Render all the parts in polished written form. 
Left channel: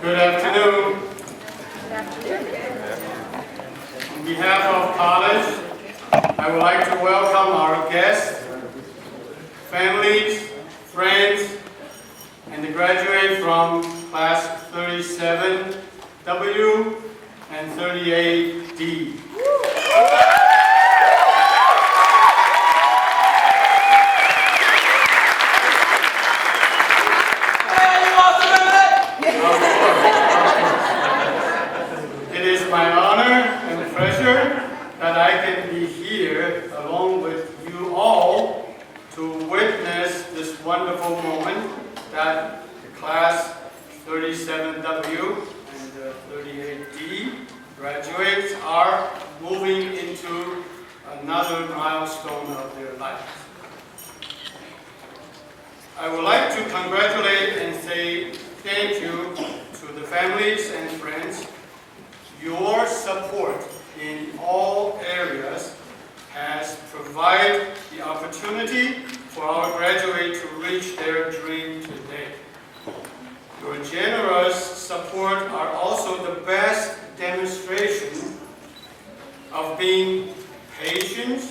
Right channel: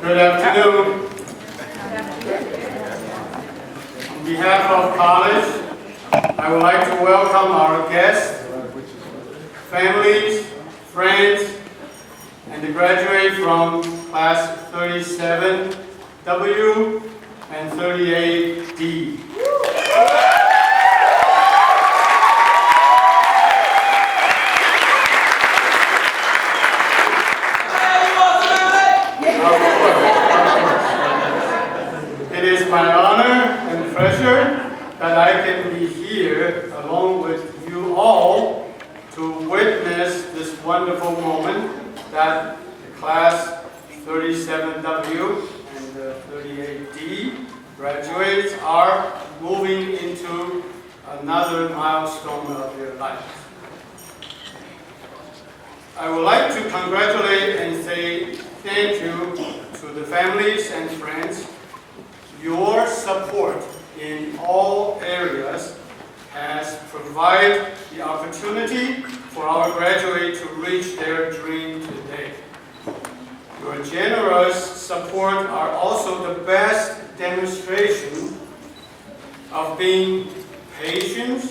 Good afternoon. On behalf of college, I would like to welcome our guests, families, friends, and the graduates from class 37W and 38D. It is my honor and pleasure that I can be here along with you all to witness this wonderful moment that the class 37W and 38D graduates are moving into another milestone of their lives. I would like to congratulate and say thank you to the families and friends. Your support in all areas has provided the opportunity for our graduates to reach their dream today. Your generous support are also the best demonstration of being patient,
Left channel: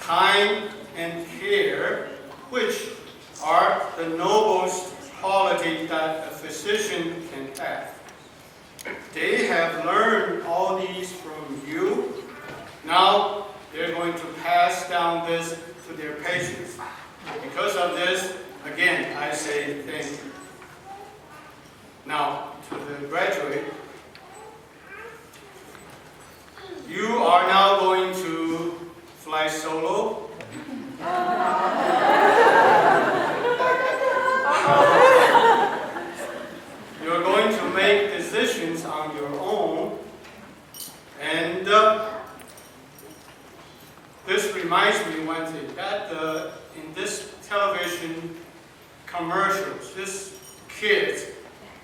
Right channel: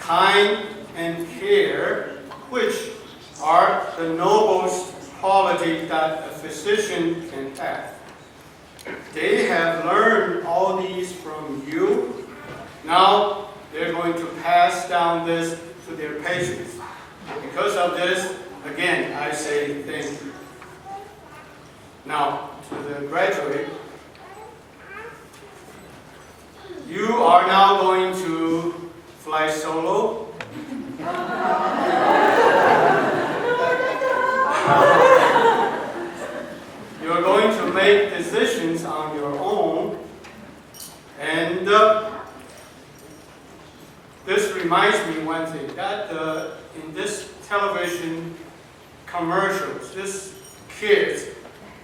kind, and care, which are the noblest quality that a physician can have. They have learned all these from you. Now they're going to pass down this to their patients. Because of this, again, I say thank you. Now, to the graduate, you are now going to fly solo. You're going to make decisions on your own, and this reminds me one thing, that in this television commercials, these kids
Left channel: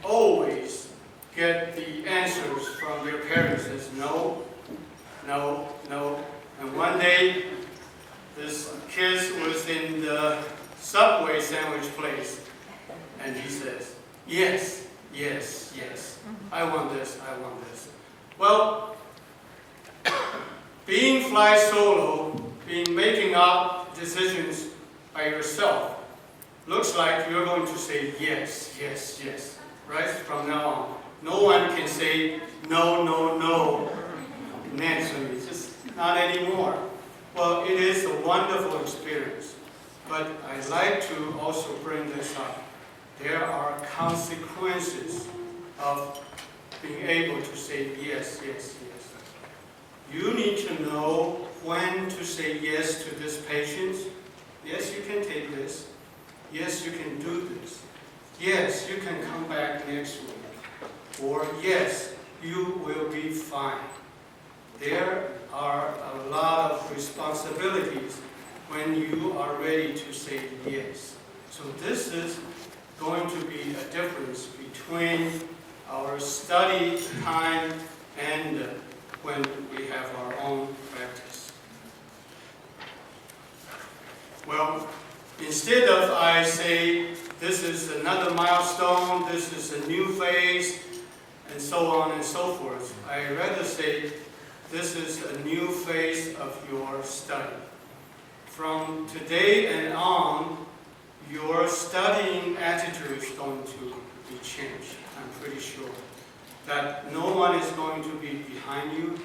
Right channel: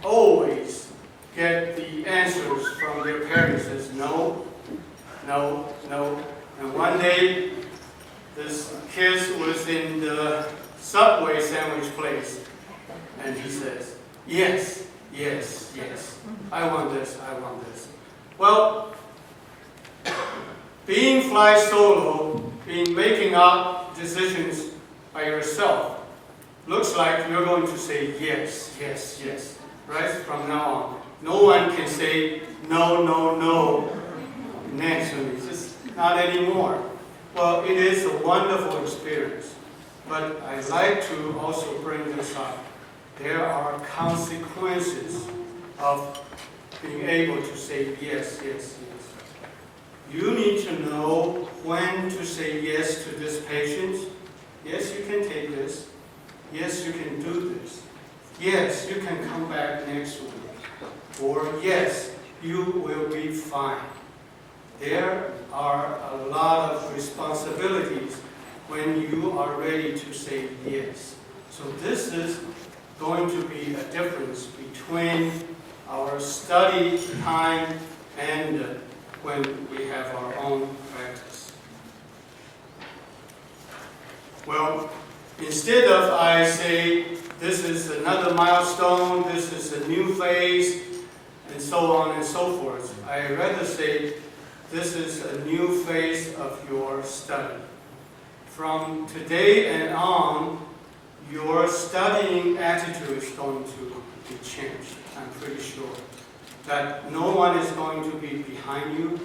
always get the answers from their parents as no, no, no. And one day, this kid was in the Subway sandwich place, and he says, yes, yes, yes, I want this, I want this. Well, being fly solo, being making up decisions by yourself, looks like you're going to say yes, yes, yes, right? From now on. No one can say no, no, no next to me, just not anymore. Well, it is a wonderful experience, but I'd like to also bring this up. There are consequences of being able to say yes, yes, yes. You need to know when to say yes to this patient. Yes, you can take this. Yes, you can do this. Yes, you can come back next week. Or yes, you will be fine. There are a lot of responsibilities when you are ready to say yes. So this is going to be a difference between our study time and when we have our own practice. Well, instead of I say this is another milestone, this is a new phase, and so on and so forth, I rather say this is a new phase of your study. From today and on, your studying attitude is going to be changed, I'm pretty sure. That no one is going to be behind you,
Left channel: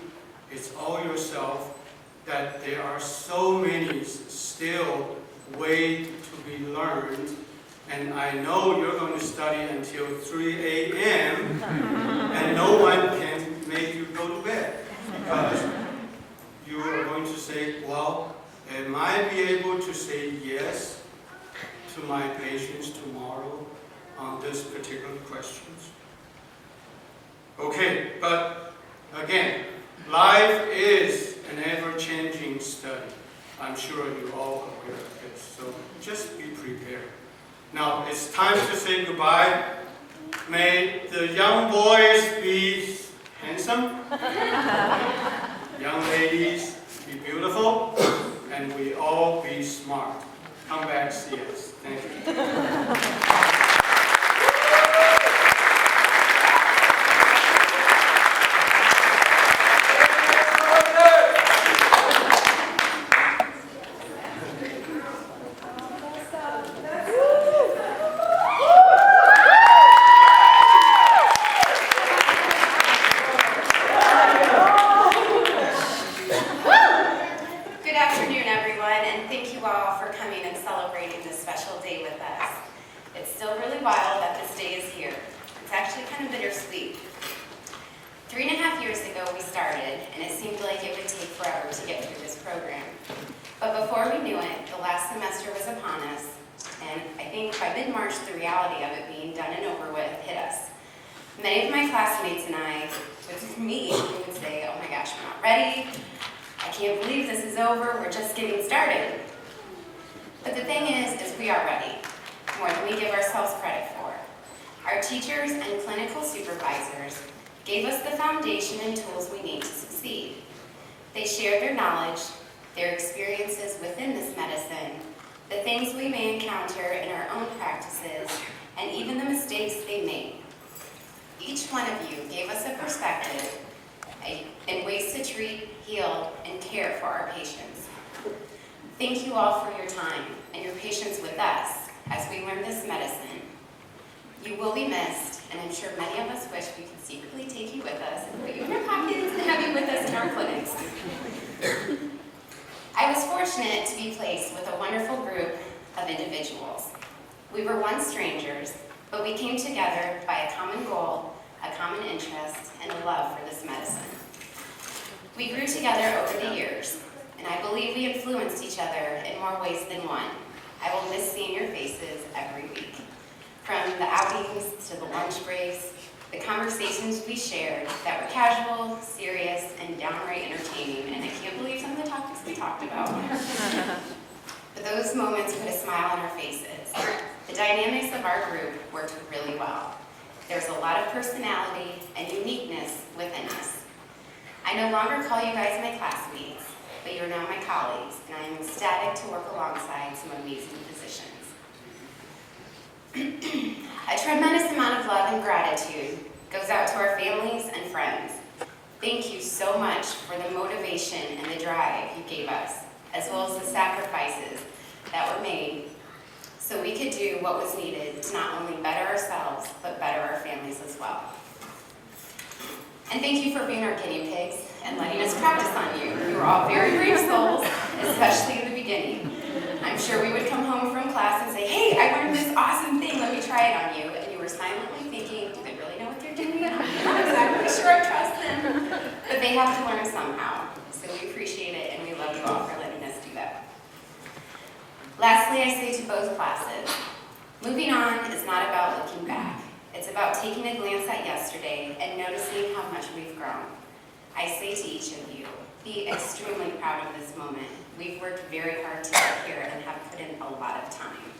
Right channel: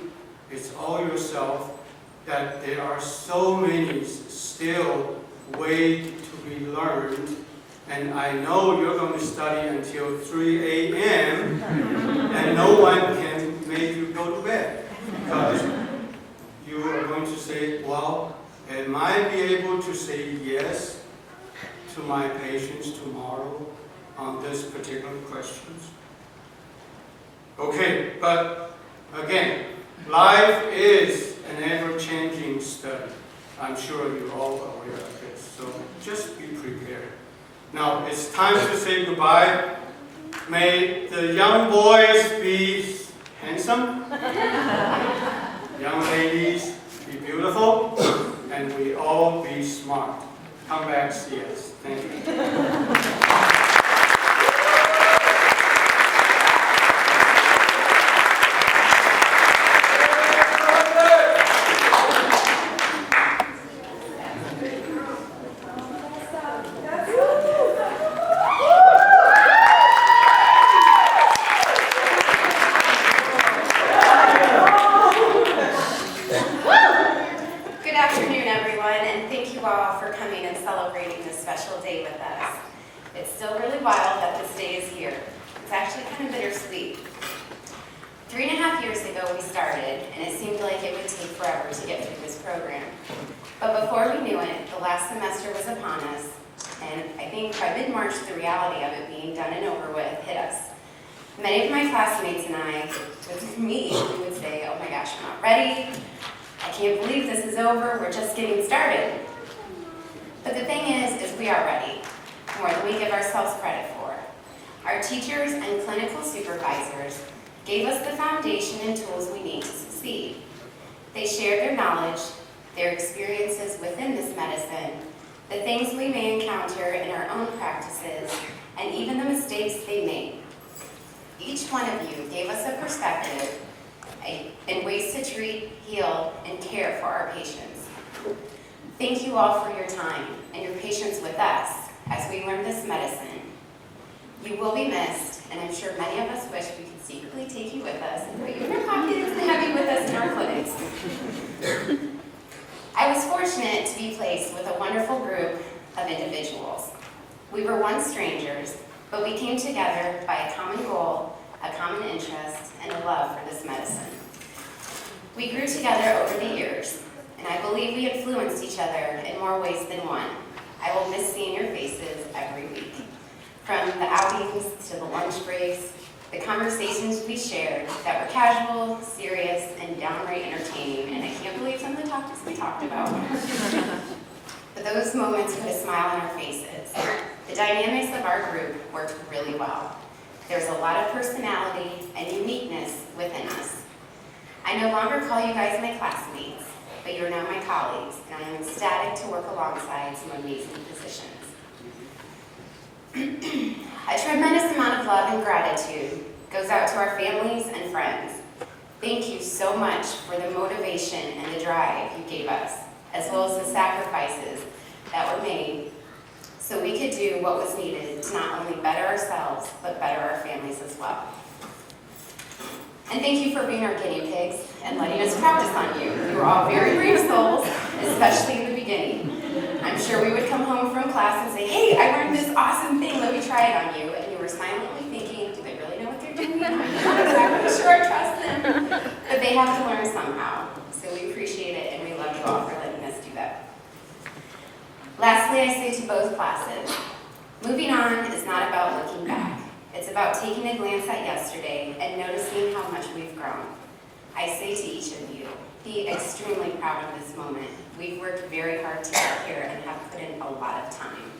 it's all yourself, that there are so many still way to be learned, and I know you're going to study until 3 a.m. and no one can make you go to bed, because you are going to say, well, am I be able to say yes to my patients tomorrow on this particular questions? Okay, but again, life is an ever-changing study. I'm sure you're all aware of this, so just be prepared. Now, it's time to say goodbye. May the young boys be handsome, young ladies be beautiful, and we all be smart. Come back, see us. Thank you. day with us. It's still really wild that this day is here. It's actually kind of bittersweet. 3.5 years ago we started, and it seemed like it would take forever to get through this program. But before we knew it, the last semester was upon us, and I think by mid-March the reality of it being done and over with hit us. Many of my classmates and I, with me, we would say, oh my gosh, we're not ready. I can't believe this is over. We're just getting started. But the thing is we are ready, more than we give ourselves credit for. Our teachers and clinical supervisors gave us the foundation and tools we need to succeed. They shared their knowledge, their experiences within this medicine, the things we may encounter in our own practices, and even the mistakes they made. Each one of you gave us a perspective and ways to treat, heal, and care for our patients. Thank you all for your time and your patience with us as we learn this medicine. You will be missed, and I'm sure many of us wish we could secretly take you with us and put you in our pockets and have you with us in our clinics. I was fortunate to be placed with a wonderful group of individuals. We were once strangers, but we came together by a common goal, a common interest, and a love for this medicine. We grew together over the years, and I believe we influenced each other in more ways than one. I will miss seeing your faces every week. From the outings to the lunch breaks, the conversations we shared that were casual, serious, and downright entertaining, and I can't believe some of the topics we talked about. But those moments put a smile on our faces. The dynamics of our group worked really well. There's a lot of personality and uniqueness within us. I no longer call you guys my classmates, but you're now my colleagues, and I am ecstatic to work alongside some amazing physicians. A tremendous amount of love and gratitude goes out to our families and friends. Thank you so much for the motivation and the drive you gave us, as well as the sacrifices that were made so we could do what was needed to not only better ourselves, but better our families as well. And thank you for being our guinea pigs and letting us practice on you. You were all very brave souls, especially in the beginning. I'm sure we would come home from class and say, hey, I learned this awesome thing, let me try it on you. And you were silently thinking, do they really know what they're doing? I'm not exactly sure I trust them. But they have to learn somehow. So we appreciate it, and we love you all for letting us do that. Lastly, I say to both classes, moving on is not about looking back. It's about taking a glance at yesterday and noticing how much we've grown. I say to each of you, be extremely proud of this moment. We've worked very hard to get here and have put in a lot of time.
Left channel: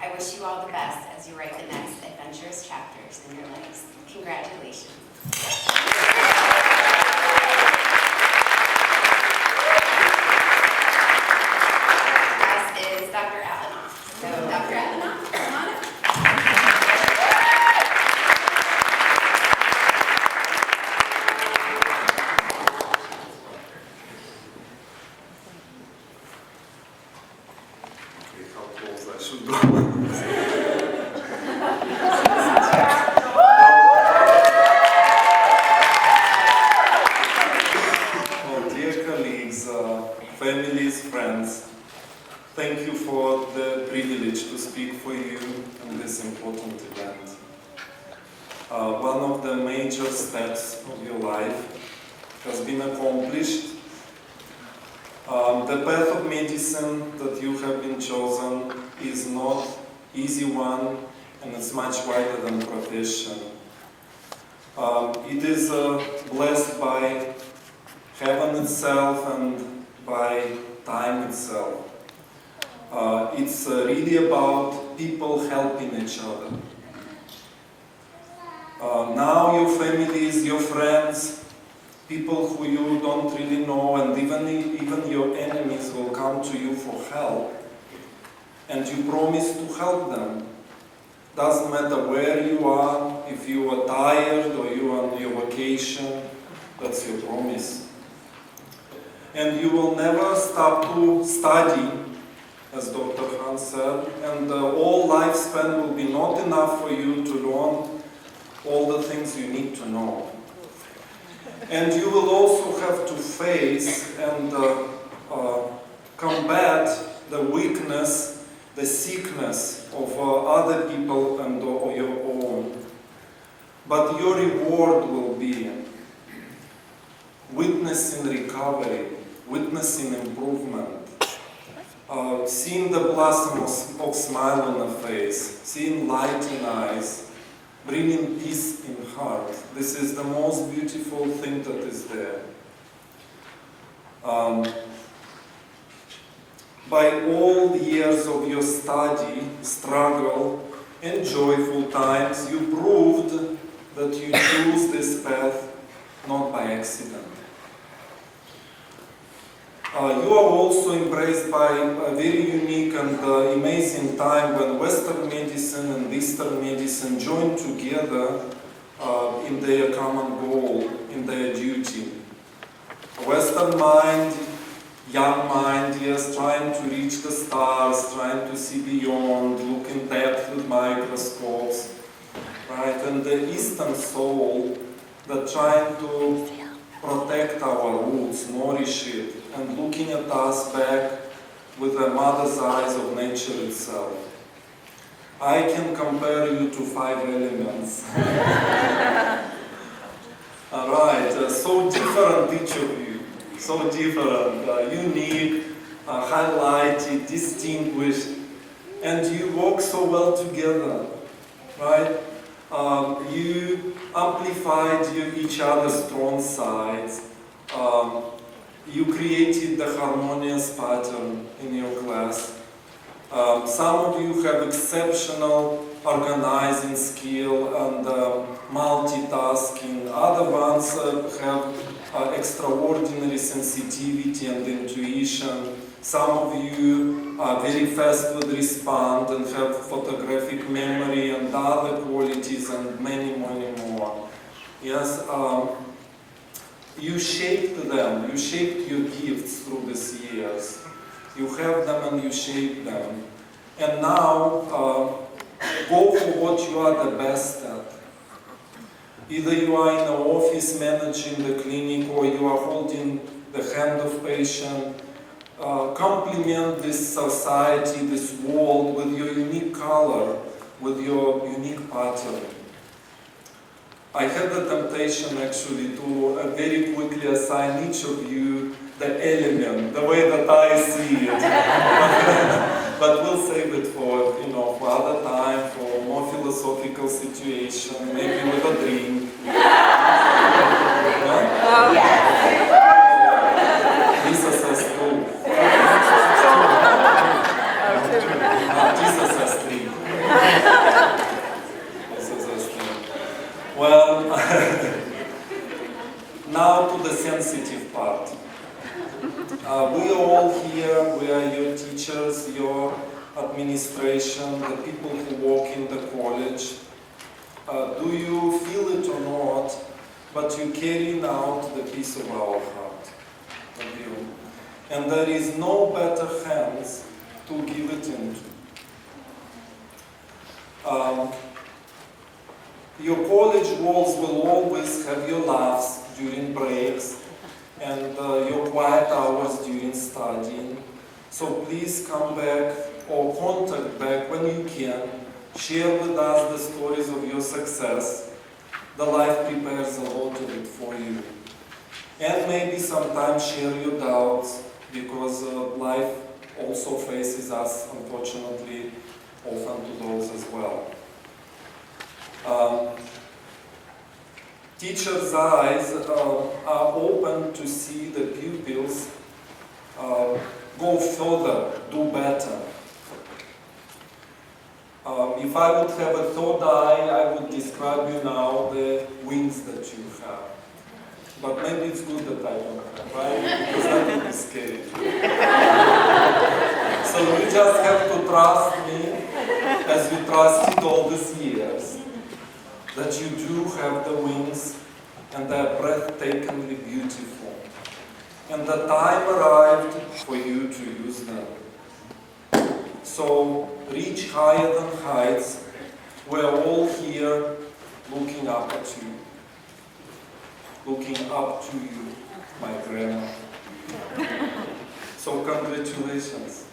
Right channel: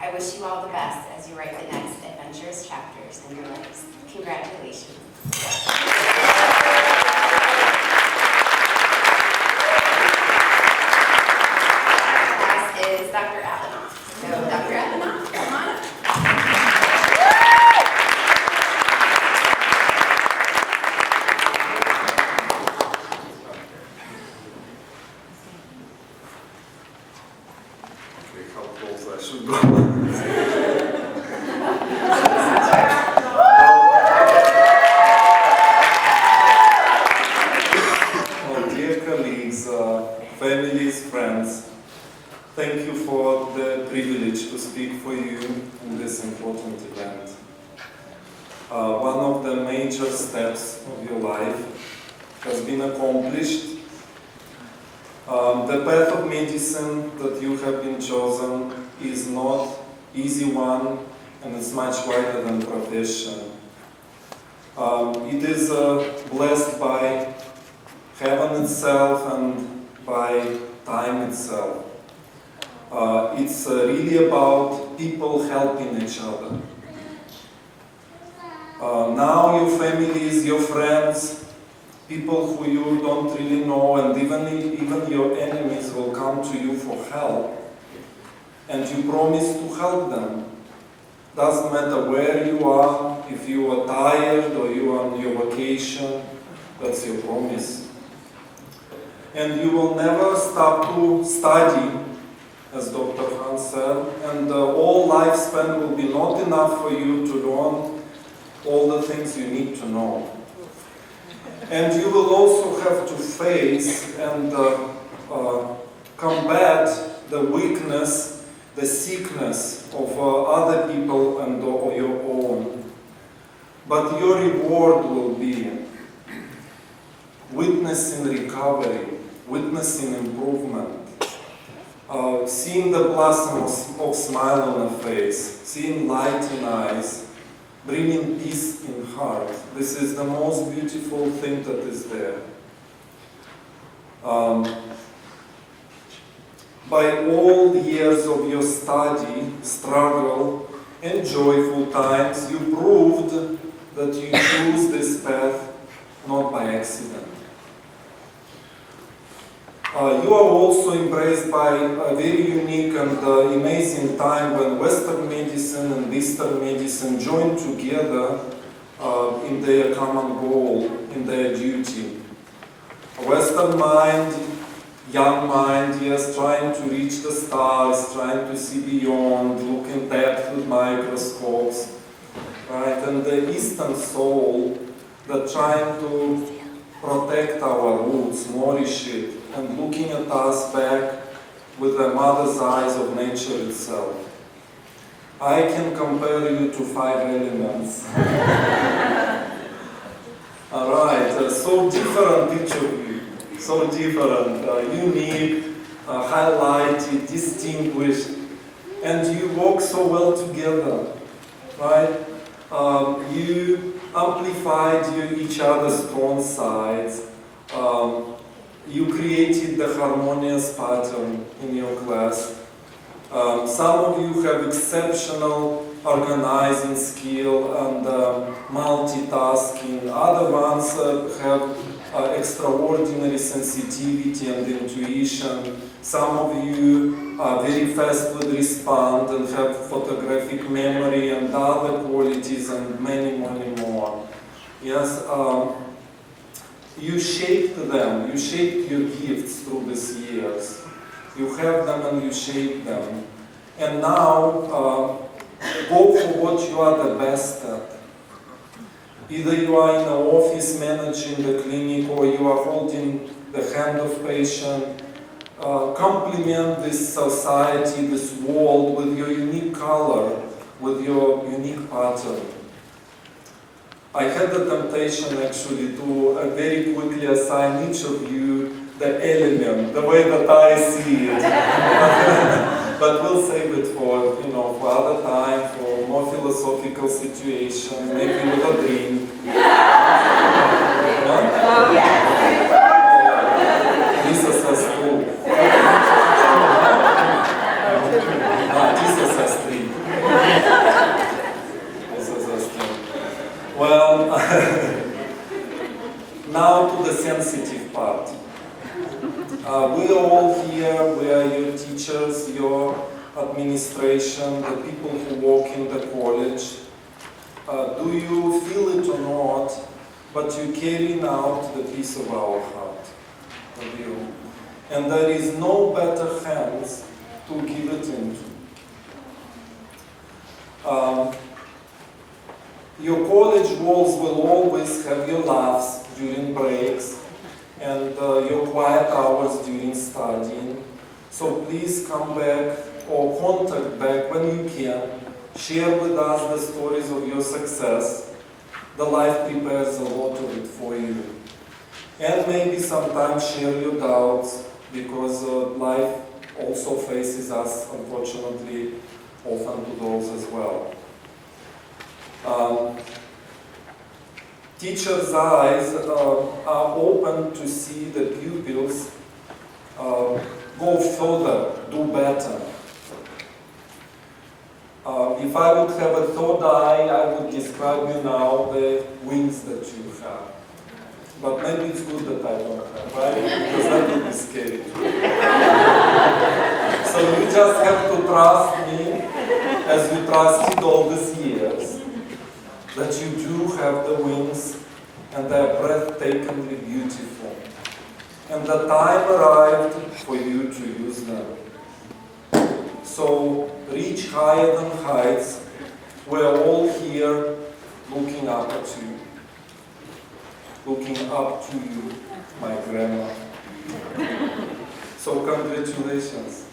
I wish you all the best as you write the next adventurous chapters in your lives. Congratulations. Class is Dr. Alanoff. So Dr. Alanoff, come on up. Families, friends, thank you for the privilege to speak for you in this important event. One of the major steps of your life has been accomplished. The path of medicine that you have been chosen is not easy one, and it's much wider than profession. It is blessed by heaven itself and by time itself. It's really about people helping each other. Now your families, your friends, people who you don't really know, and even your enemies will come to you for help, and you promise to help them. Doesn't matter where you are, if you are tired or you are on your vacation, that's your promise. And you will never stop to study, as Dr. Han said, and all lifespan will be not enough for you to learn all the things you need to know. And you will also have to face and combat the weakness the sickness of other people and your own. But your reward will be witnessing recovery, witnessing improvement, seeing the blossom of smile on a face, seeing light in eyes, bringing peace in heart. This is the most beautiful thing that is there. By all the years of your study, struggle, and joyful times, you proved that you choose this path not by accident. You are also embraced by a very unique and amazing time when Western medicine and Eastern medicine join together in their common goal, in their duty. A Western mind, young mind, yes, trying to reach the stars, trying to see beyond, look in depth with microscopes, right? And the Eastern soul that trying to protect our roots, nourish it, and looking at us back with the mother's eyes of nature itself. I can compare you to 5 elements. All right, so different each of you, so different, unique, highlighted, distinguished, and you work so well together, right? You amplified each other's strong sides. You created the harmonious pattern in your class. Some of you have exceptional organizing skill and multitasking. Other ones have extraordinary sensitivity and intuition. Some of you are very fast with respond and have photographic memory and other qualities and many, many more. Yes, you shaped them, you shaped your gifts through these years. You have them and you shape them. And now, go for what you are the best at. Either you are in an office managing the clinic or you are holding the hand of patient. Complement this society, this world with your unique color, with your unique pattern. I had the temptation actually to very quickly assign each of you the element, the way that I see it. But we'll save it for, for other time, for more philosophical situation, maybe with a drink. Lisa says two. Jesus says three. Jesus says three. Well, now to the sensitive part. We are all here, we are your teachers, your administration, the people who work in the college. Do you feel it or not, but you're carrying out the peace of our heart, of you. And there is no better hands to give it into. Your college walls will always have your laughs during breaks and your quiet hours during studying. So please come back or contact back when you can. Share with us the stories of your success. The life prepares a lot of it for you. And maybe sometimes share your doubts, because life also faces us, unfortunately, often to those as well. Teachers' eyes are open to see the pupils go further, do better. If I would have a third eye, I would describe you now the wings that you have. But maybe it's good that I don't have, right? Because that would be scary too. So you just have to trust me, as you trusted all these years, that you do have the wings and they are breathtakingly beautiful. And the time arrived for you to use them. So reach higher than heights. We're all here looking up at you. Looking up to you, my grandma. So congratulations.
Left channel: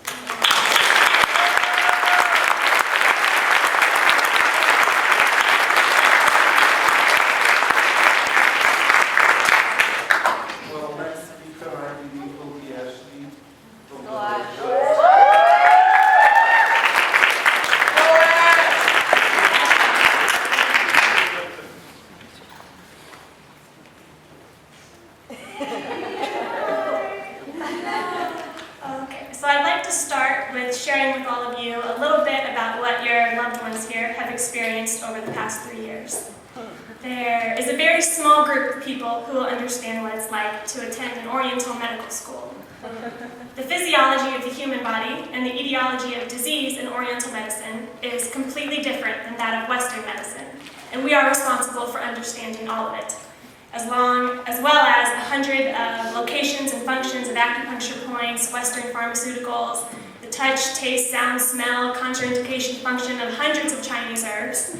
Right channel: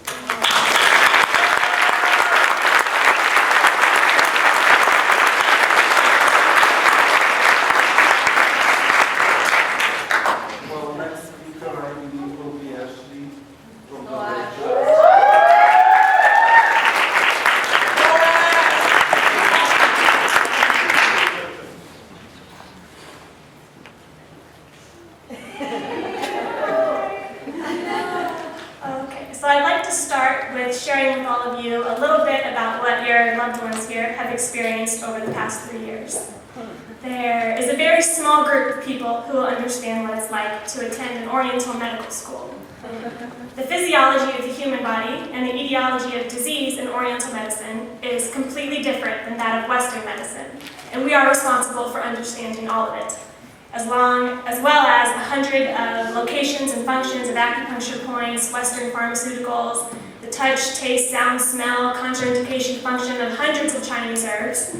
your loved ones here have experienced over the past 3 years. There is a very small group of people who will understand what it's like to attend an Oriental medical school. The physiology of the human body and the etiology of disease in Oriental medicine is completely different than that of Western medicine, and we are responsible for understanding all of it, as well as 100 locations and functions of acupuncture points, Western pharmaceuticals, the touch, taste, sound, smell, contraindication function of hundreds of Chinese herbs.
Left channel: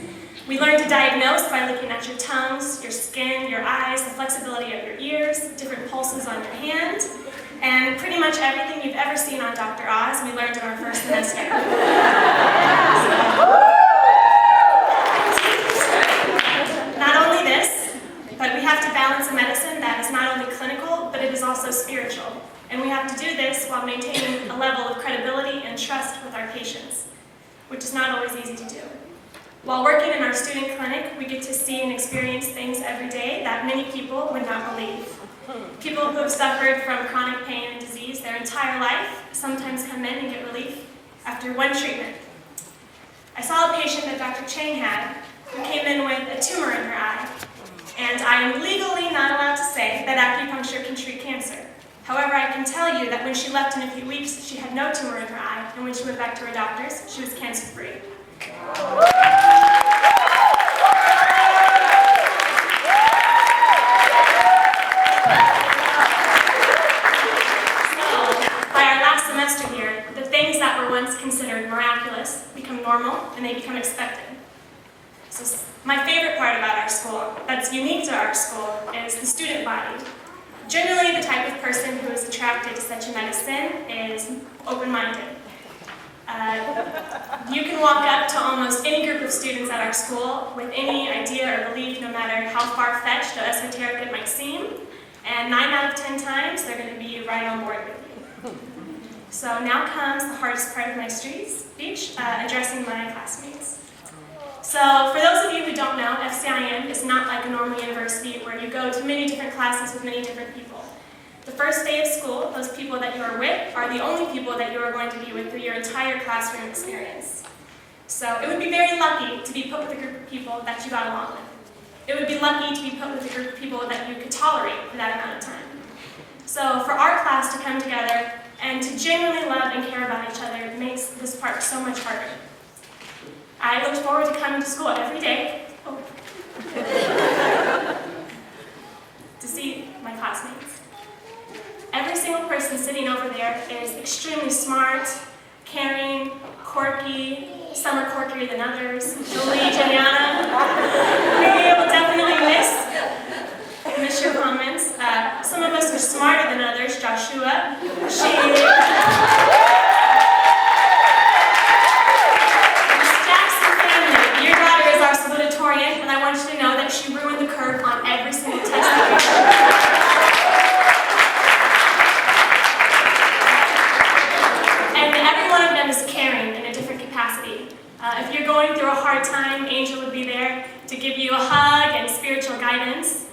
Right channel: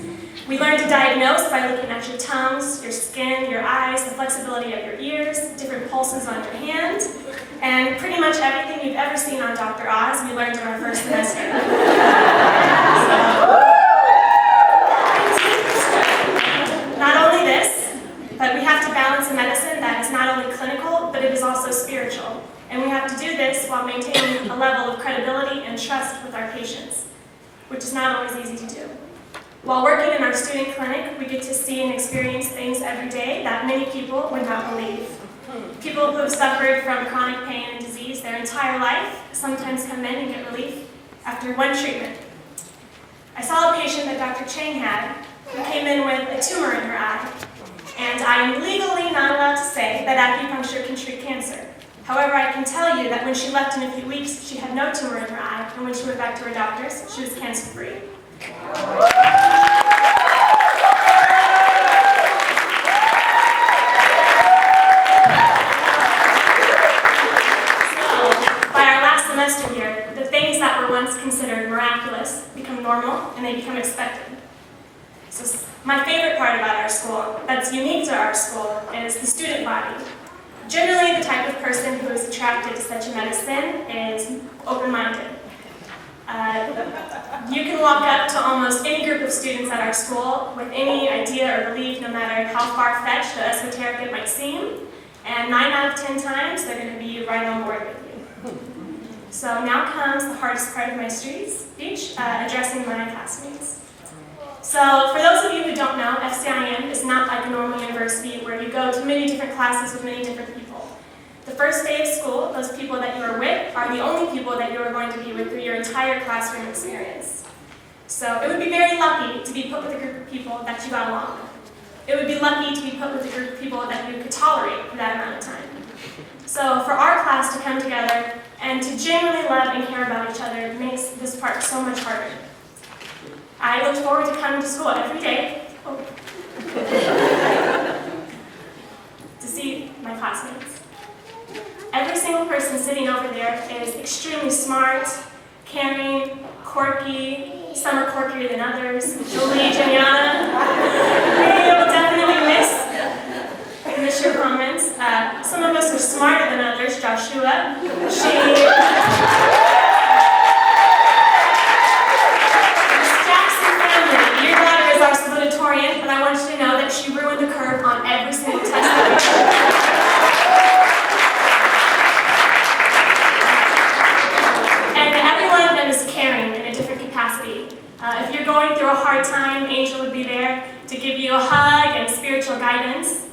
We learn to diagnose by looking at your tongues, your skin, your eyes, the flexibility of your ears, different pulses on your hand, and pretty much everything you've ever seen on Dr. Oz, we learned in our first semester. Not only this, but we have to balance a medicine that is not only clinical, but it is also spiritual. And we have to do this while maintaining a level of credibility and trust with our patients, which is not always easy to do. While working in our student clinic, we get to see and experience things every day that many people would not believe. People who have suffered from chronic pain and disease their entire life sometimes come in and get relief after one treatment. I saw a patient that Dr. Chang had who came in with a tumor in her eye, and I am legally not allowed to say that acupuncture can treat cancer. However, I can tell you that when she left in a few weeks, she had no tumor in her eye, and when she went back to her doctors, she was cancer-free. Semester here, the things that were once considered miraculous become normal and they become expected. So my favorite part about our school, that's unique to our school, is the student body. Generally, the type of person who is attracted to such a medicine is open-minded. You can walk up to almost any group of students at our school with any idea or belief, no matter how far-fetched or esoteric it might seem, and 9 out of 10 times, they're going to be right on board with you. So now comes the hardest part of my speech, addressing my classmates. So for those of you who don't know, FCIM is not like a normal university where you go to many different classes with many different people. The first day of school, those people that you are with are the only people that you are going to be with through your entire classroom experience. So it would be very lucky to be put with a group of people that you got along with. It would be lucky to be put with a group of people that you could tolerate for that amount of time. So for our class to come together and to genuinely love and care about each other makes this part so much harder. I looked forward to coming to school every day to see my classmates. Every single person sitting over there is extremely smart, caring, quirky. Some are quirkier than others. Julie, Juliana, we will definitely miss your comments. Some of us are smarter than others. Joshua, Miss Jackson family, your daughter is our salutatorian, and I want you to know that she ruined the curve on every single test that we took. And every one of them is caring in a different capacity. If you're going through a hard time, Angel would be there to give you a hug and spiritual guidance.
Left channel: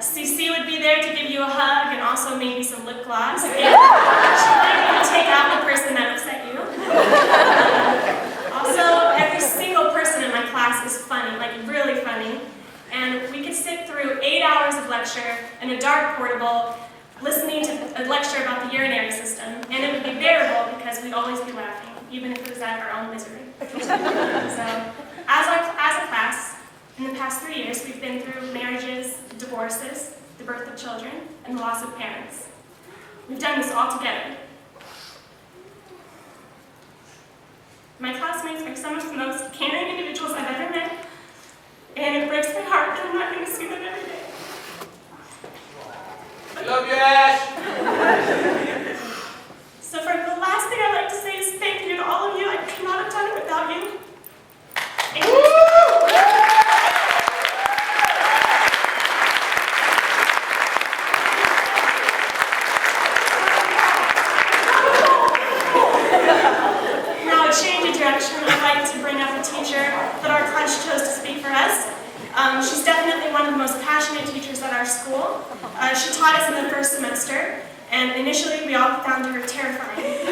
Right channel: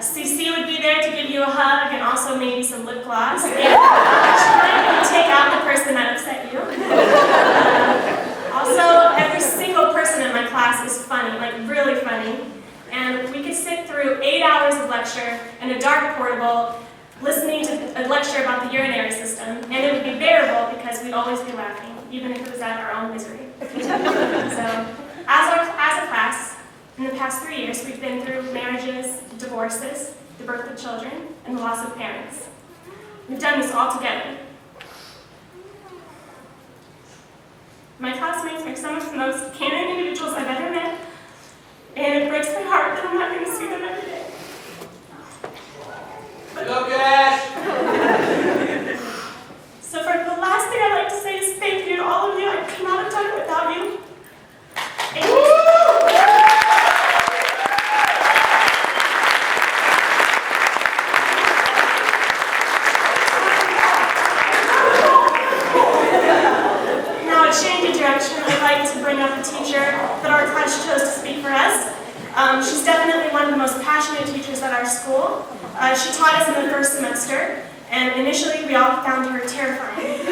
CC would be there to give you a hug and also maybe some lip gloss. And she might even take out the person that upset you. Also, every single person in my class is funny, like really funny. And we could sit through 8 hours of lecture in a dark portable, listening to a lecture about the urinary system, and it would be bearable because we'd always be laughing, even if it was at our own misery. So, as a class, in the past 3 years, we've been through marriages, divorces, the birth of children, and the loss of parents. We've done this all together. My classmates are some of the most caring individuals I've ever met, and it breaks my heart that I'm not going to see them every day. So for the last thing I'd like to say is thank you to all of you. I could not have done it without you. Thank you. I'd like to bring up a teacher that our class chose to speak for us. She's definitely one of the most passionate teachers at our school. She taught us in the first semester, and initially we all found her terrifying.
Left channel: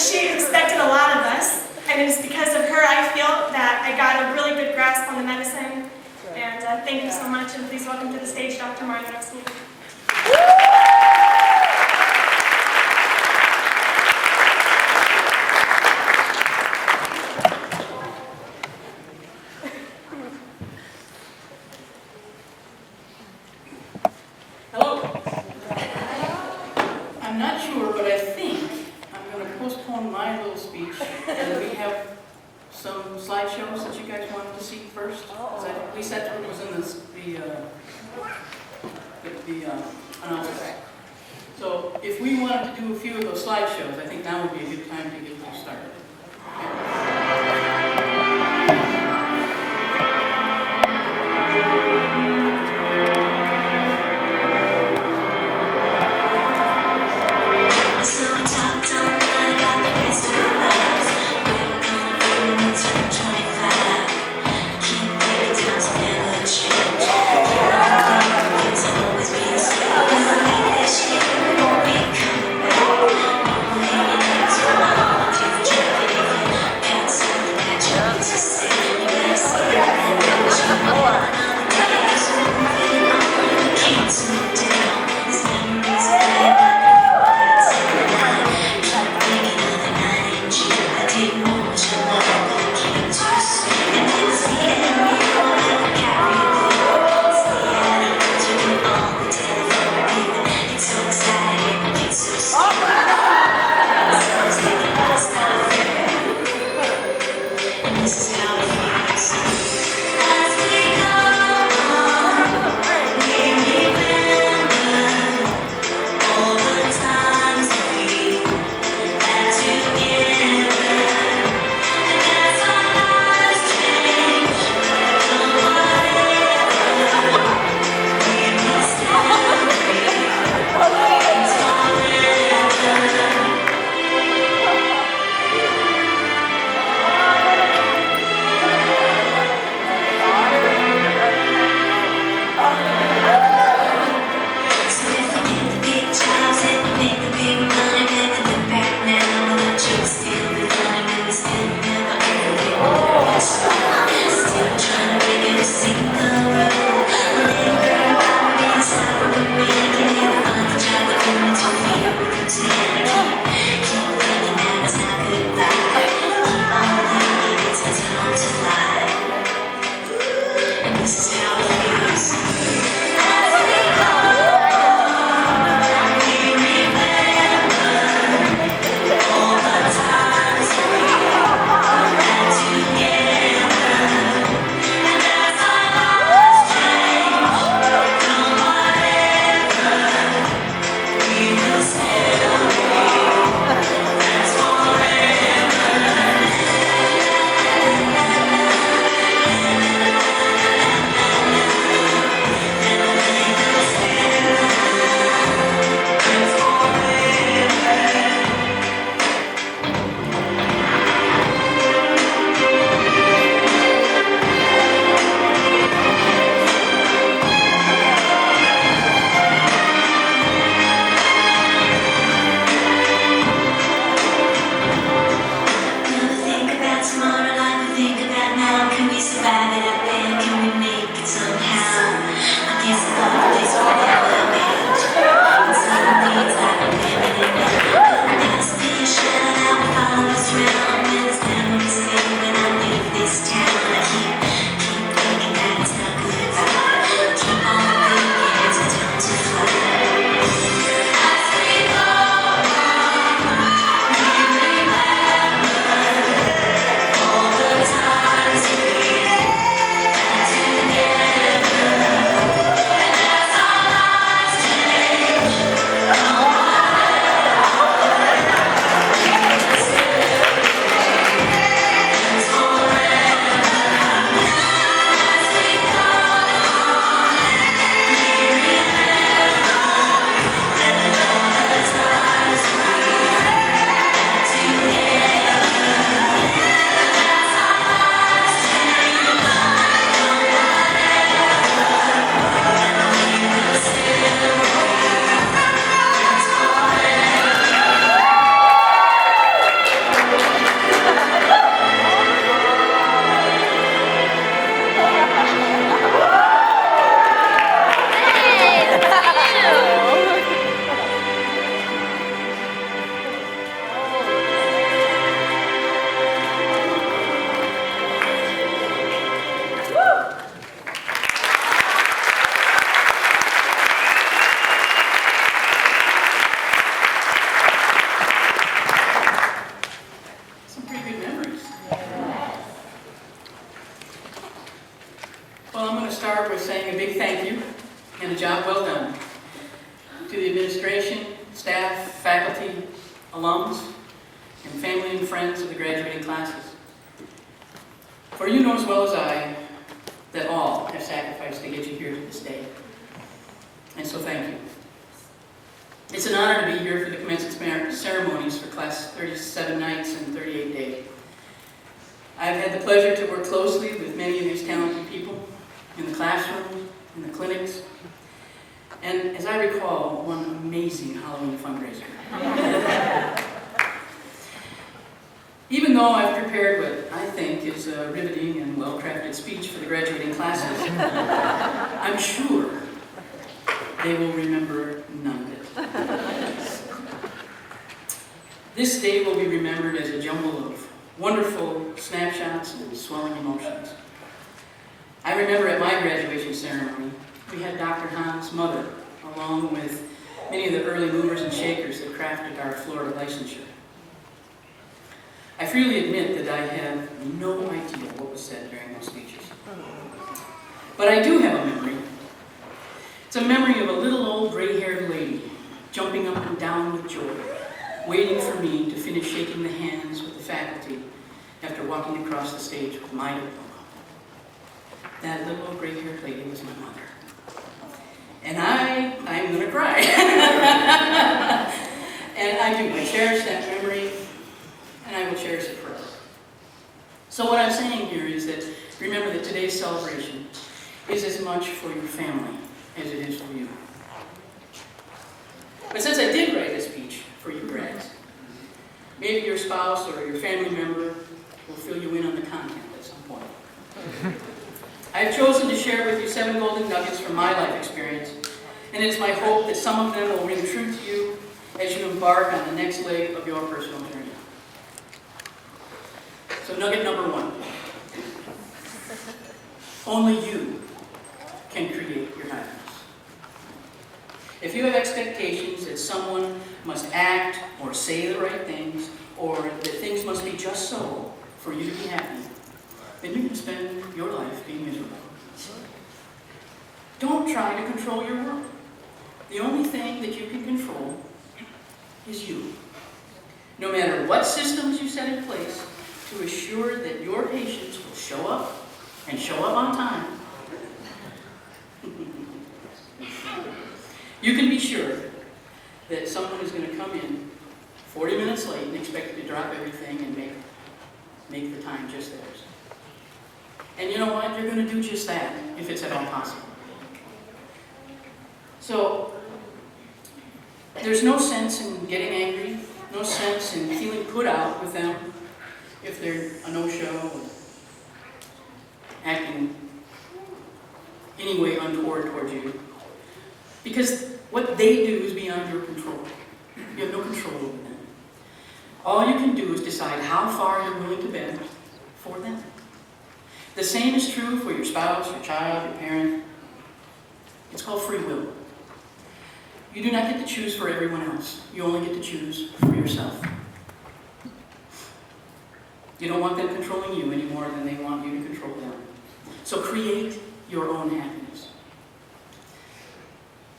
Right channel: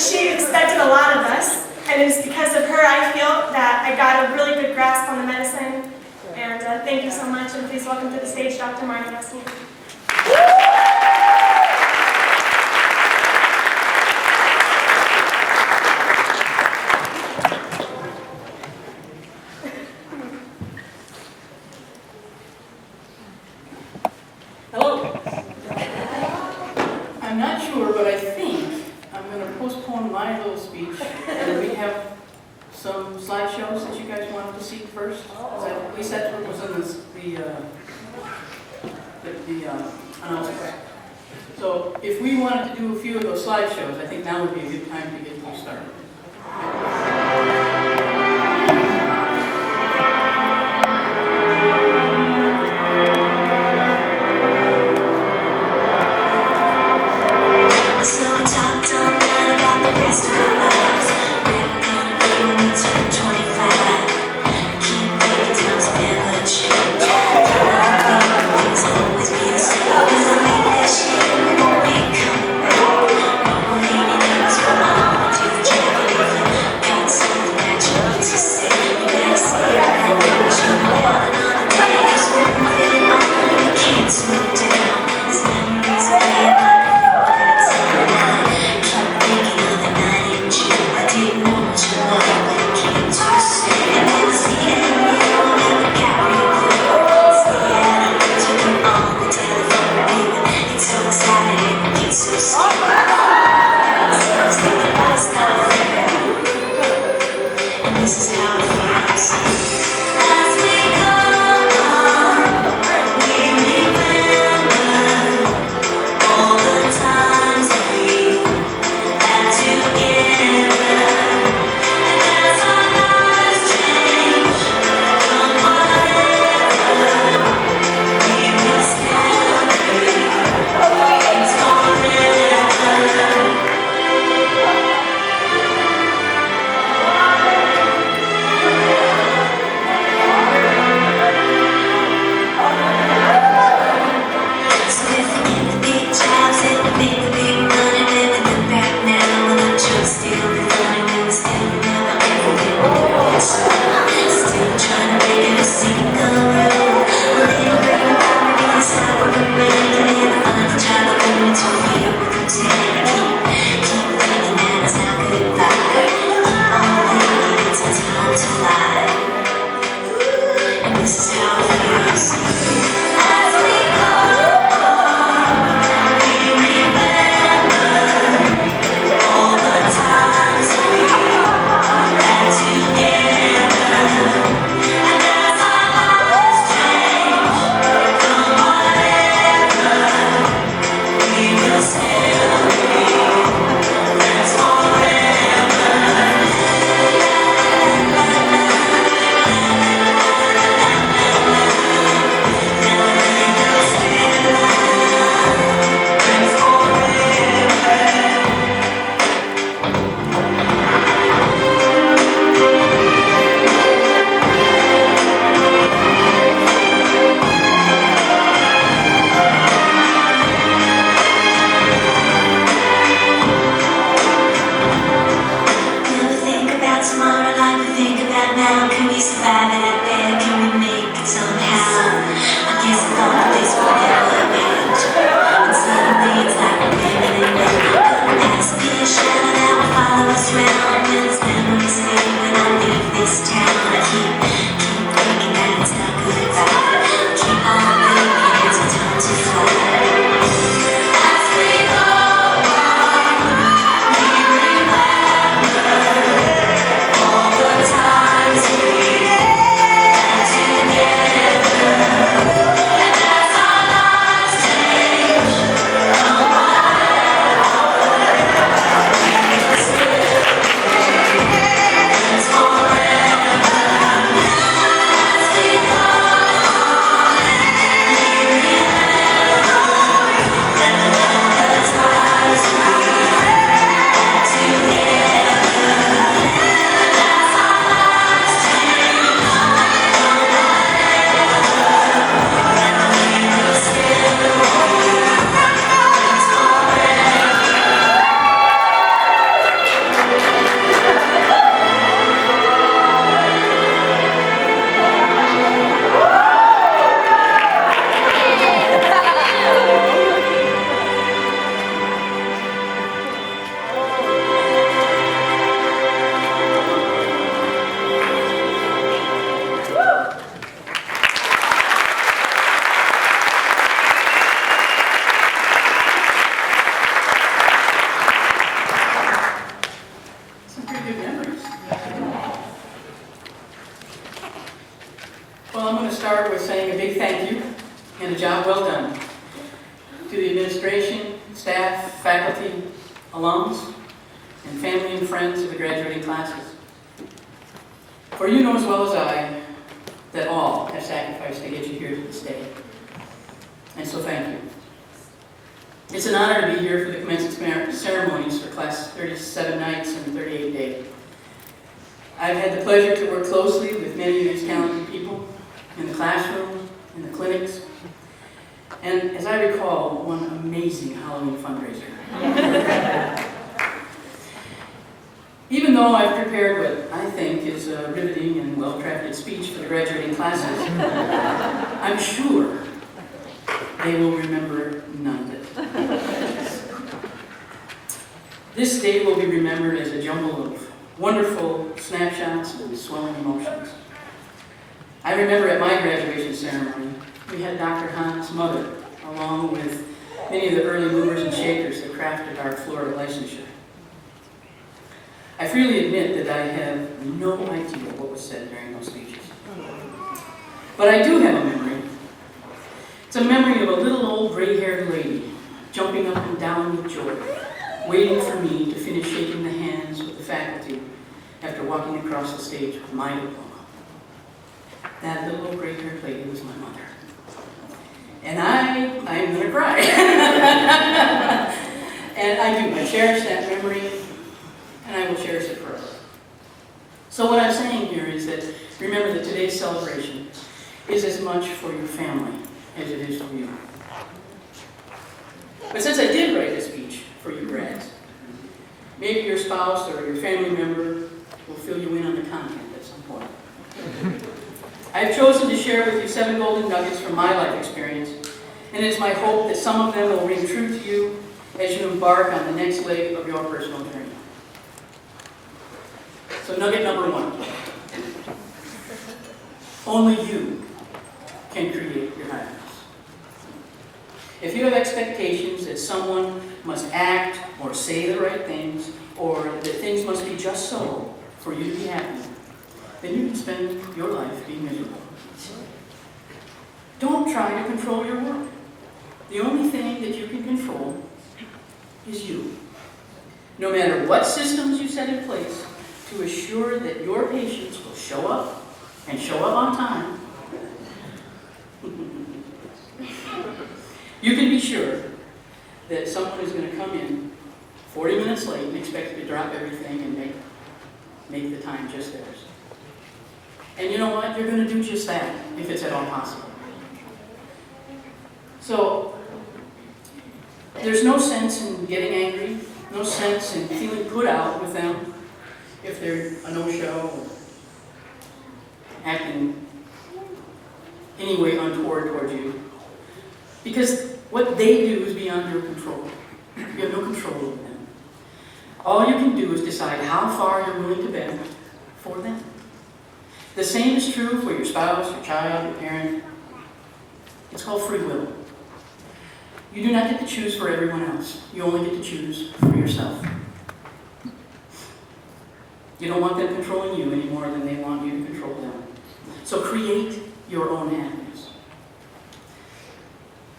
She expected a lot of us, and it is because of her I feel that I got a really good grasp on the medicine. And thank you so much, and please welcome to the stage Dr. Mario Rusnak. Hello. I'm not sure, but I think I'm going to postpone my little speech, and we have some slideshows that you guys wanted to see first. At least that's what was in the announcement. So if we wanted to do a few of those slideshows, I think now would be a good time to get you started. Thank you. start with saying a big thank you and a job well done to the administration, staff, faculty, alums, and family and friends of the graduating classes. For you know as well as I that all have sacrificed to get you here to this day. And so thank you. It's an honor to be here for the commencement ceremonies for Class 37 nights and 38 days. I've had the pleasure to work closely with many of these talented people in the classroom, in the clinics, and as I recall, one amazing Halloween fundraiser. Even though I've prepared what I think is a riveting and well-crafted speech for the graduating classes, I'm sure they will remember none of it. This day will be remembered as a jumble of wonderful snapshots and swelling emotions. I remember at my graduation ceremony, we had Dr. Hahn's mother, along with many of the early movers and shakers that crafted our Florida licensure. I freely admit that I have no idea what was said during those speeches. But I do have a memory. It's a memory of a little old gray-haired lady jumping up and down with joy, waiting for me to finish shaking the hands with the faculty after walking across the stage with my diploma. That little old gray-haired lady was my mother. And I'm gonna cry. And I do, I cherish that memory, and I will cherish it forever. So what I'm saying here is that remember that today's celebration is as much for your family as it is for you. But since I did write a speech for you grads, maybe your spouse or your family member will fill you in on the content at some point. I've chosen to share with you 7 golden nuggets from my life experience, and it is my hope that some of them will ring true to you as you embark on the next leg of your personal journey. So nugget number 1. Only you can create your happiness. If you have expectations that someone must act or say the right things, or that things must be just so for you to be happy, then you can spend your life being miserable. Don't try to control your world. The only thing that you can control is you. No matter what systems you set in place to assure that your patients will show up and show up on time, you can be sure that someone is going to come in 40 minutes late and expect you to drop everything and make the time just theirs. And you know what? You're going to do just that if it's at all possible. So, there's no sense in getting angry, no sense in feeling put out with them if they're a no-show or acting any way untoward towards you. Because what they do is beyond your control. You have no control over them. All you can do is decide how far you're willing to bend for them. The same is true for your spouse, your child, your parent. It's called free will. You do not get to choose for everyone else. You only get to choose for yourself. You don't want them controlling you any more than they want you to control them. So create your own happiness.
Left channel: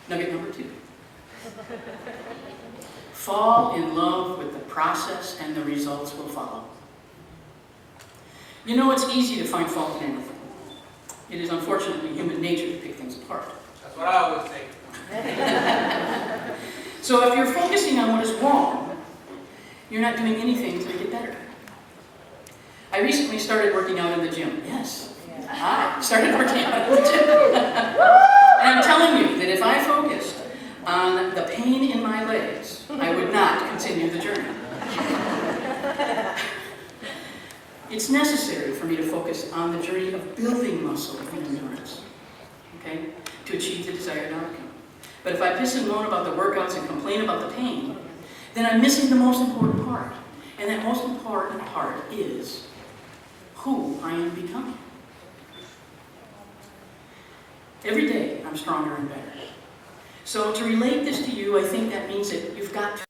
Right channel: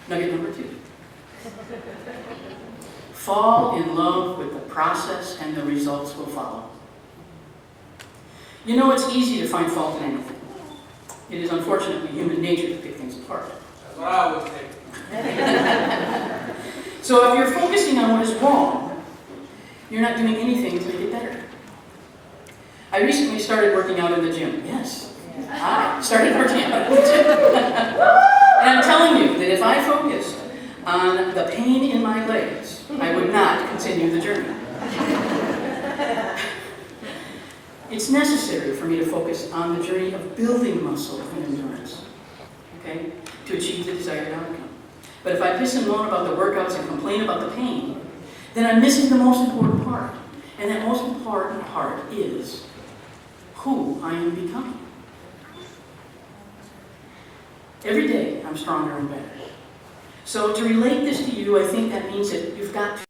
Nugget number 2. Fall in love with the process and the results will follow. You know, it's easy to find fault in anything. It is unfortunately human nature to pick things apart. That's what I would say. So if you're focusing on what is wrong, you're not doing anything to make it better. I recently started working out in the gym. Yes, I started working out in the gym. And I'm telling you that if I focused on the pain in my legs, I would not continue the journey. It's necessary for me to focus on the journey of building muscle and endurance, okay, to achieve the desired outcome. But if I piss and moan about the workouts and complain about the pain, then I'm missing the most important part. And that most important part is who I am becoming. Every day, I'm stronger and better. So to relate this to you, I think that means that you've got to